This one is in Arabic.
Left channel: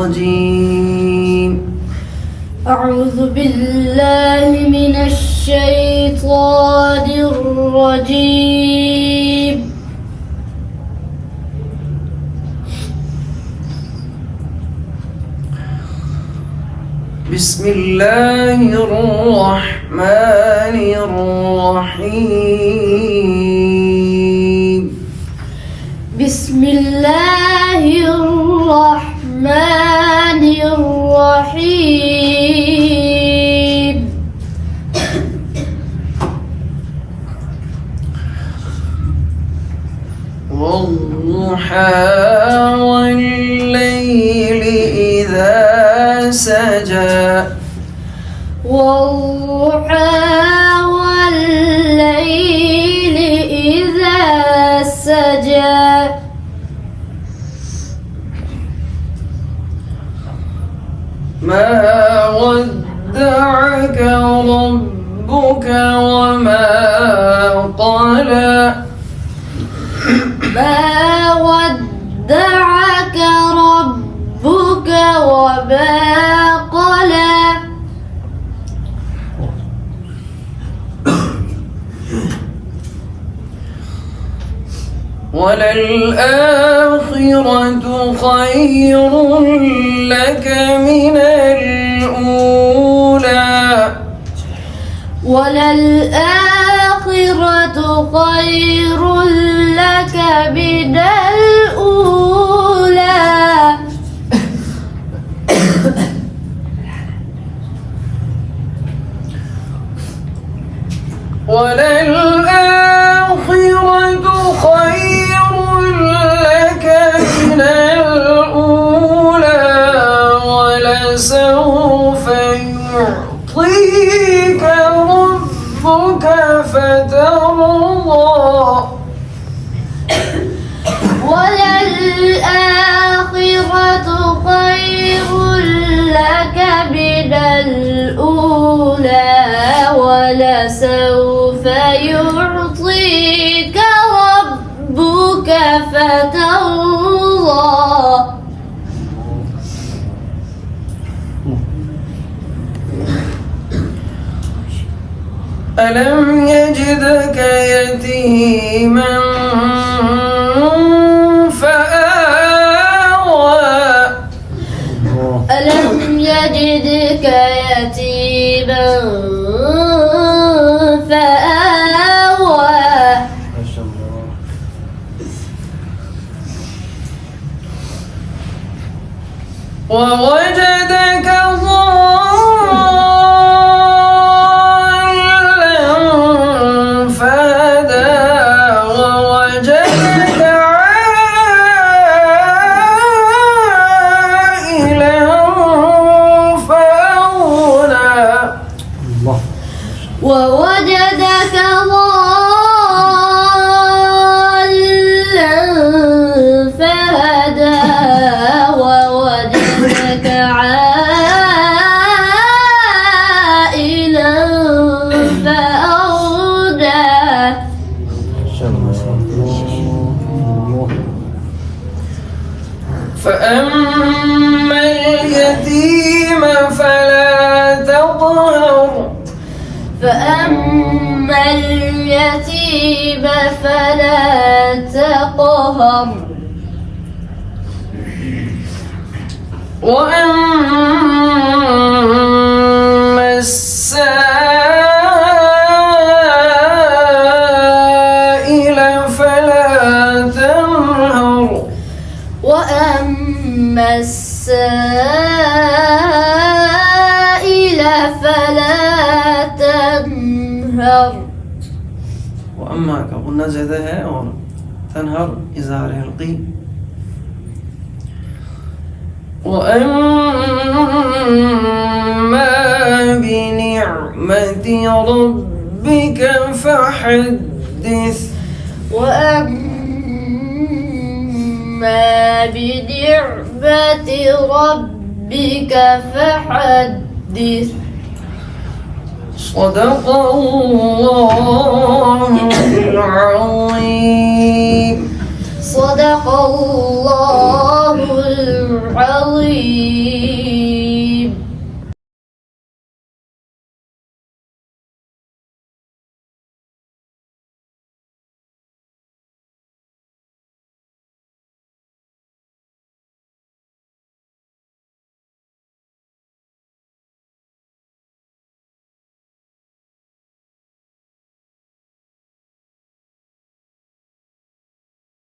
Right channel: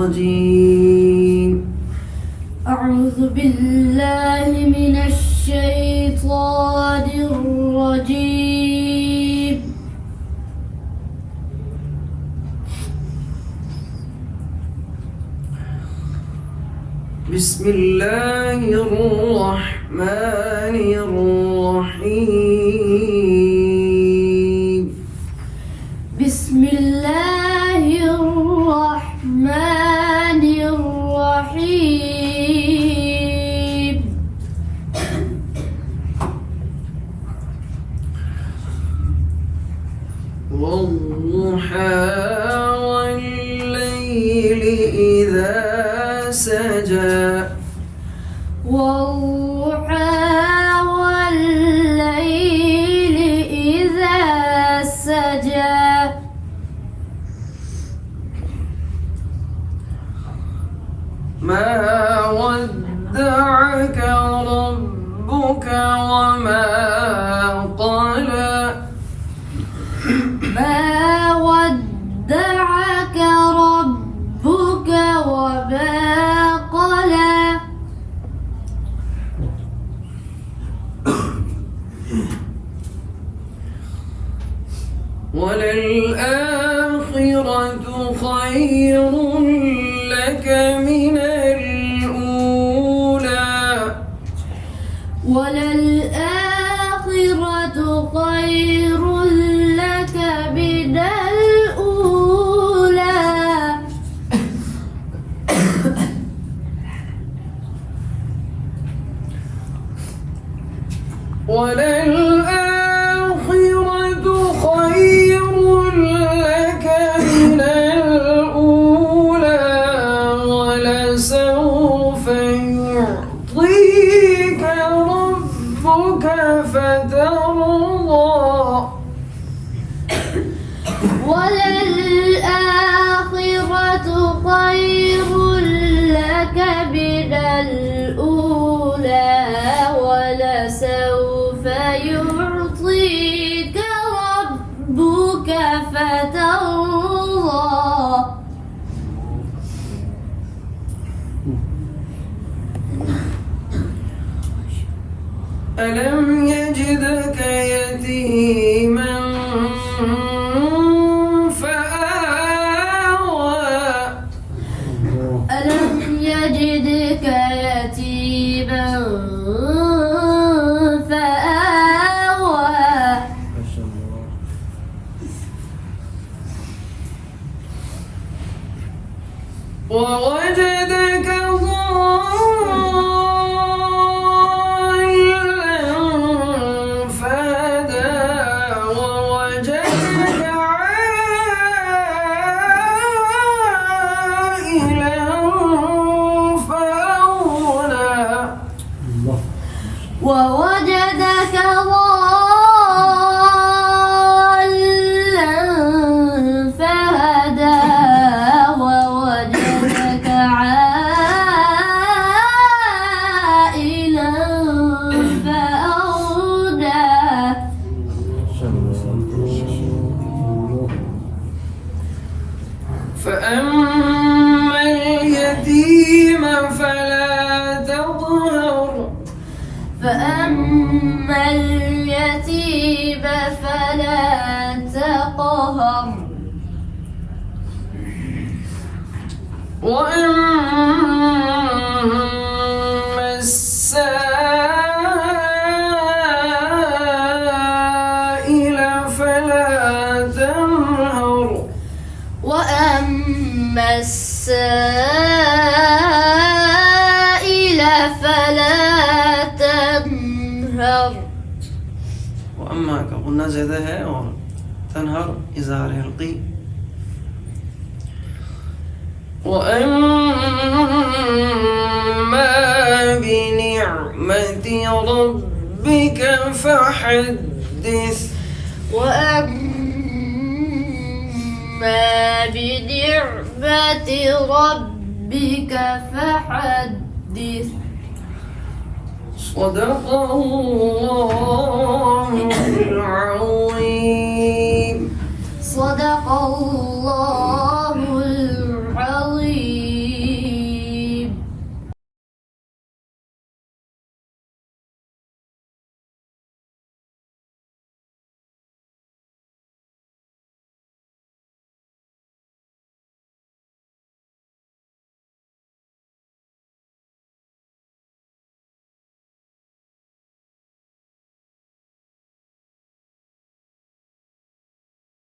الرجيم. أعوذ بالله من الشيطان الرجيم. بسم الله الرحمن الرحيم. بسم الله الرحمن الرحيم. والضحى والليل إذا سجى. والضحى والليل إذا سجى. ما ودعك ربك وما قلى. ما ودعك ربك وما قلى. وللآخرة خير لك من الأولى. وللآخرة خير لك من الأولى. وللآخرة خير لك من الأولى ولسوف يعطيك ربك فترضى. وللآخرة خير لك من الأولى ولسوف يعطيك ربك فترضى. ألم يجدك يتيما فآوى. ألم يجدك يتيما فآوى. ووجدك ضالا فهدى. ووجدك عائلا فأغنى. ووجدك ضالا فهدى. ووجدك عائلا فأغنى. فأما اليتيم فلا تقهر. فأما اليتيم فلا تقهر. وأما السائل فلا تنهر. وأما السائل فلا تنهر. وأما का गुन्ना ज़्यादा है और तनहर इज़हार हल्की. وأما بنعمة ربك فحدث. وأما بنعمة ربك فحدث. صدق الله العظيم. صدق الله العظيم. عظيم